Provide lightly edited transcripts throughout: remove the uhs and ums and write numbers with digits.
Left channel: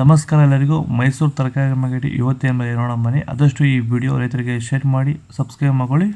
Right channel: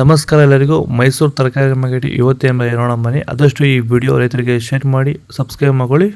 ನಮಸ್ಕಾರ ಎಲ್ಲರಿಗೂ. ಮೈಸೂರು ತರಕಾರಿ ಮಾರ್ಕೆಟ್ ಇವತ್ತೇನು ನೋಡೋಣ ಬನ್ನಿ. ಆದಷ್ಟು ಈ ವಿಡಿಯೋ ರೈತರಿಗೆ ಶೇರ್ ಮಾಡಿ ಸಬ್ಸ್ಕ್ರೈಬ್ ಮಾಡ್ಕೊಳ್ಳಿ.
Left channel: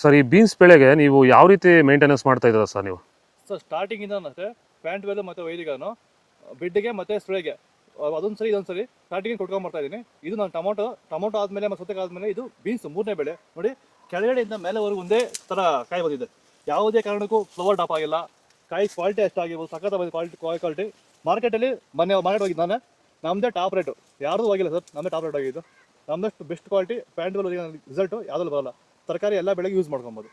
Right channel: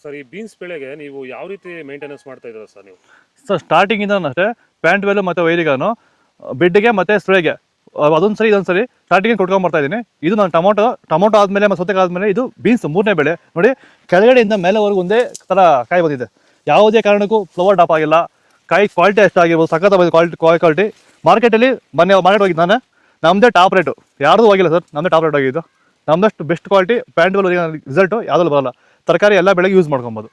ಸರ್, ಈ ಬೀನ್ಸ್ ಬೆಳೆಗೆ ನೀವು ಯಾವ ರೀತಿ ಮೇಂಟೆನೆನ್ಸ್ ಮಾಡ್ತಾ ಇದ್ದೀರಾ ಸರ್ ನೀವು? ಸರ್ ಸ್ಟಾರ್ಟಿಂಗಿಂದ ಅಷ್ಟೇ ಪ್ಯಾಂಟ್ ವೆಲ್ ಮತ್ತು ವೈರಿಗಾನು ಬೆಡ್ಗೆ ಮತ್ತು ಸ್ಪ್ರೇಗೆ ಅದೊಂದು ಸರಿ ಇದೊಂದು ಸರಿ ಸ್ಟಾರ್ಟಿಂಗ್ ಕೊಟ್ಕೊಂಡ್ಬರ್ತಾ ಇದ್ದೀನಿ. ಇದು ನಾನು ಟೊಮೊಟೊ ಆದಮೇಲೆ ಮತ್ತು ಸೌತೆಕಾಯಿ ಆದಮೇಲೆ ಇದು ಬೀನ್ಸ್ ಮೂರನೇ ಬೆಳೆ. ನೋಡಿ, ಕೆಳಗಡೆಯಿಂದ ಮೇಲೆವರೆಗೂ ಒಂದೇ ಥರ ಕಾಯಿ ಬಂದಿದೆ. ಯಾವುದೇ ಕಾರಣಕ್ಕೂ ಫ್ಲವರ್ ಟಾಪ್ ಆಗಿಲ್ಲ. ಕಾಯಿ ಕ್ವಾಲಿಟಿ ಎಷ್ಟಾಗಿರ್ಬೋದು, ಸಖತ್ ಕ್ವಾಲಿಟಿ. ಮಾರ್ಕೆಟಲ್ಲಿ ಮಾರ್ಕೆಟ್ ಹೋಗಿದ್ದು ನಾನು, ನಮ್ಮದೇ ಟಾಪ್ ರೇಟು, ಯಾರ್ದು ಹೋಗಿಲ್ಲ ಸರ್, ನಮ್ಮದೇ ಟಾಪ್ ರೇಟ್ ಆಗಿದ್ದು. ನಮ್ಮದಷ್ಟು best quality pant well result ಯಾವುದಲ್ಲೂ ಬರಲ್ಲ. ತರಕಾರಿ ಎಲ್ಲ ಬೆಳೆಗೆ ಯೂಸ್ ಮಾಡ್ಕೊಬೋದು.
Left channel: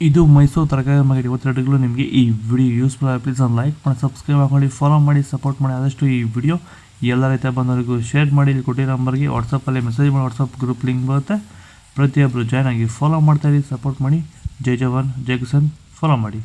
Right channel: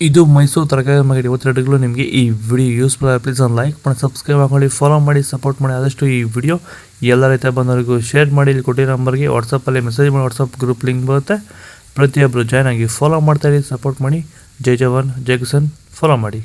ಇದು ಮೈಸೂರು ತರಕಾರಿ ಮಾರ್ಕೆಟ್ ಇವತ್ತೆರಡುಗಳು. ನಿಮಗೆ ಈ ವಿಡಿಯೋ ಯೂಸ್ಫುಲ್ ಆಗಿ ಪ್ಲೀಸ್ ಲೈಕ್ ಮಾಡಿ, ಸಬ್ಸ್ಕ್ರೈಬ್ ಮಾಡ್ಕೊಳ್ಳಿ, ಫಾಲೋ ಮಾಡಿ, ಸಪೋರ್ಟ್ ಮಾಡಿ. ಆದಷ್ಟು ಈ ವಿಡಿಯೋ ಎಲ್ಲ ರೈತ ಬಂದವರಿಗೂ ಶೇರ್ ಮಾಡಿ. ಇಲ್ಲಿ ಕೊಟ್ಟಿರೋ ನಂಬರ್ಗೆ ವಾಟ್ಸಪ್ಪಲ್ಲಿ ಮೆಸೇಜ್ ಮಾಡಿ, ವಾಟ್ಸಪ್ ಗ್ರೂಪ್ ಲಿಂಕ್ ಬರುತ್ತೆ. ಪ್ರತಿಯೊಬ್ಬರು ಜಾಯ್ನ್ ಆಗಿ ಫಾಲೋ ಮಾಡ್ತಾಯಿರಿ, ಸಪೋರ್ಟ್ ಮಾಡಿ. ಜೈ ಜವಾನ್ ಜೈ ಕಿಸಾನ್, ಫಾಲೋ ಮಾಡಿ.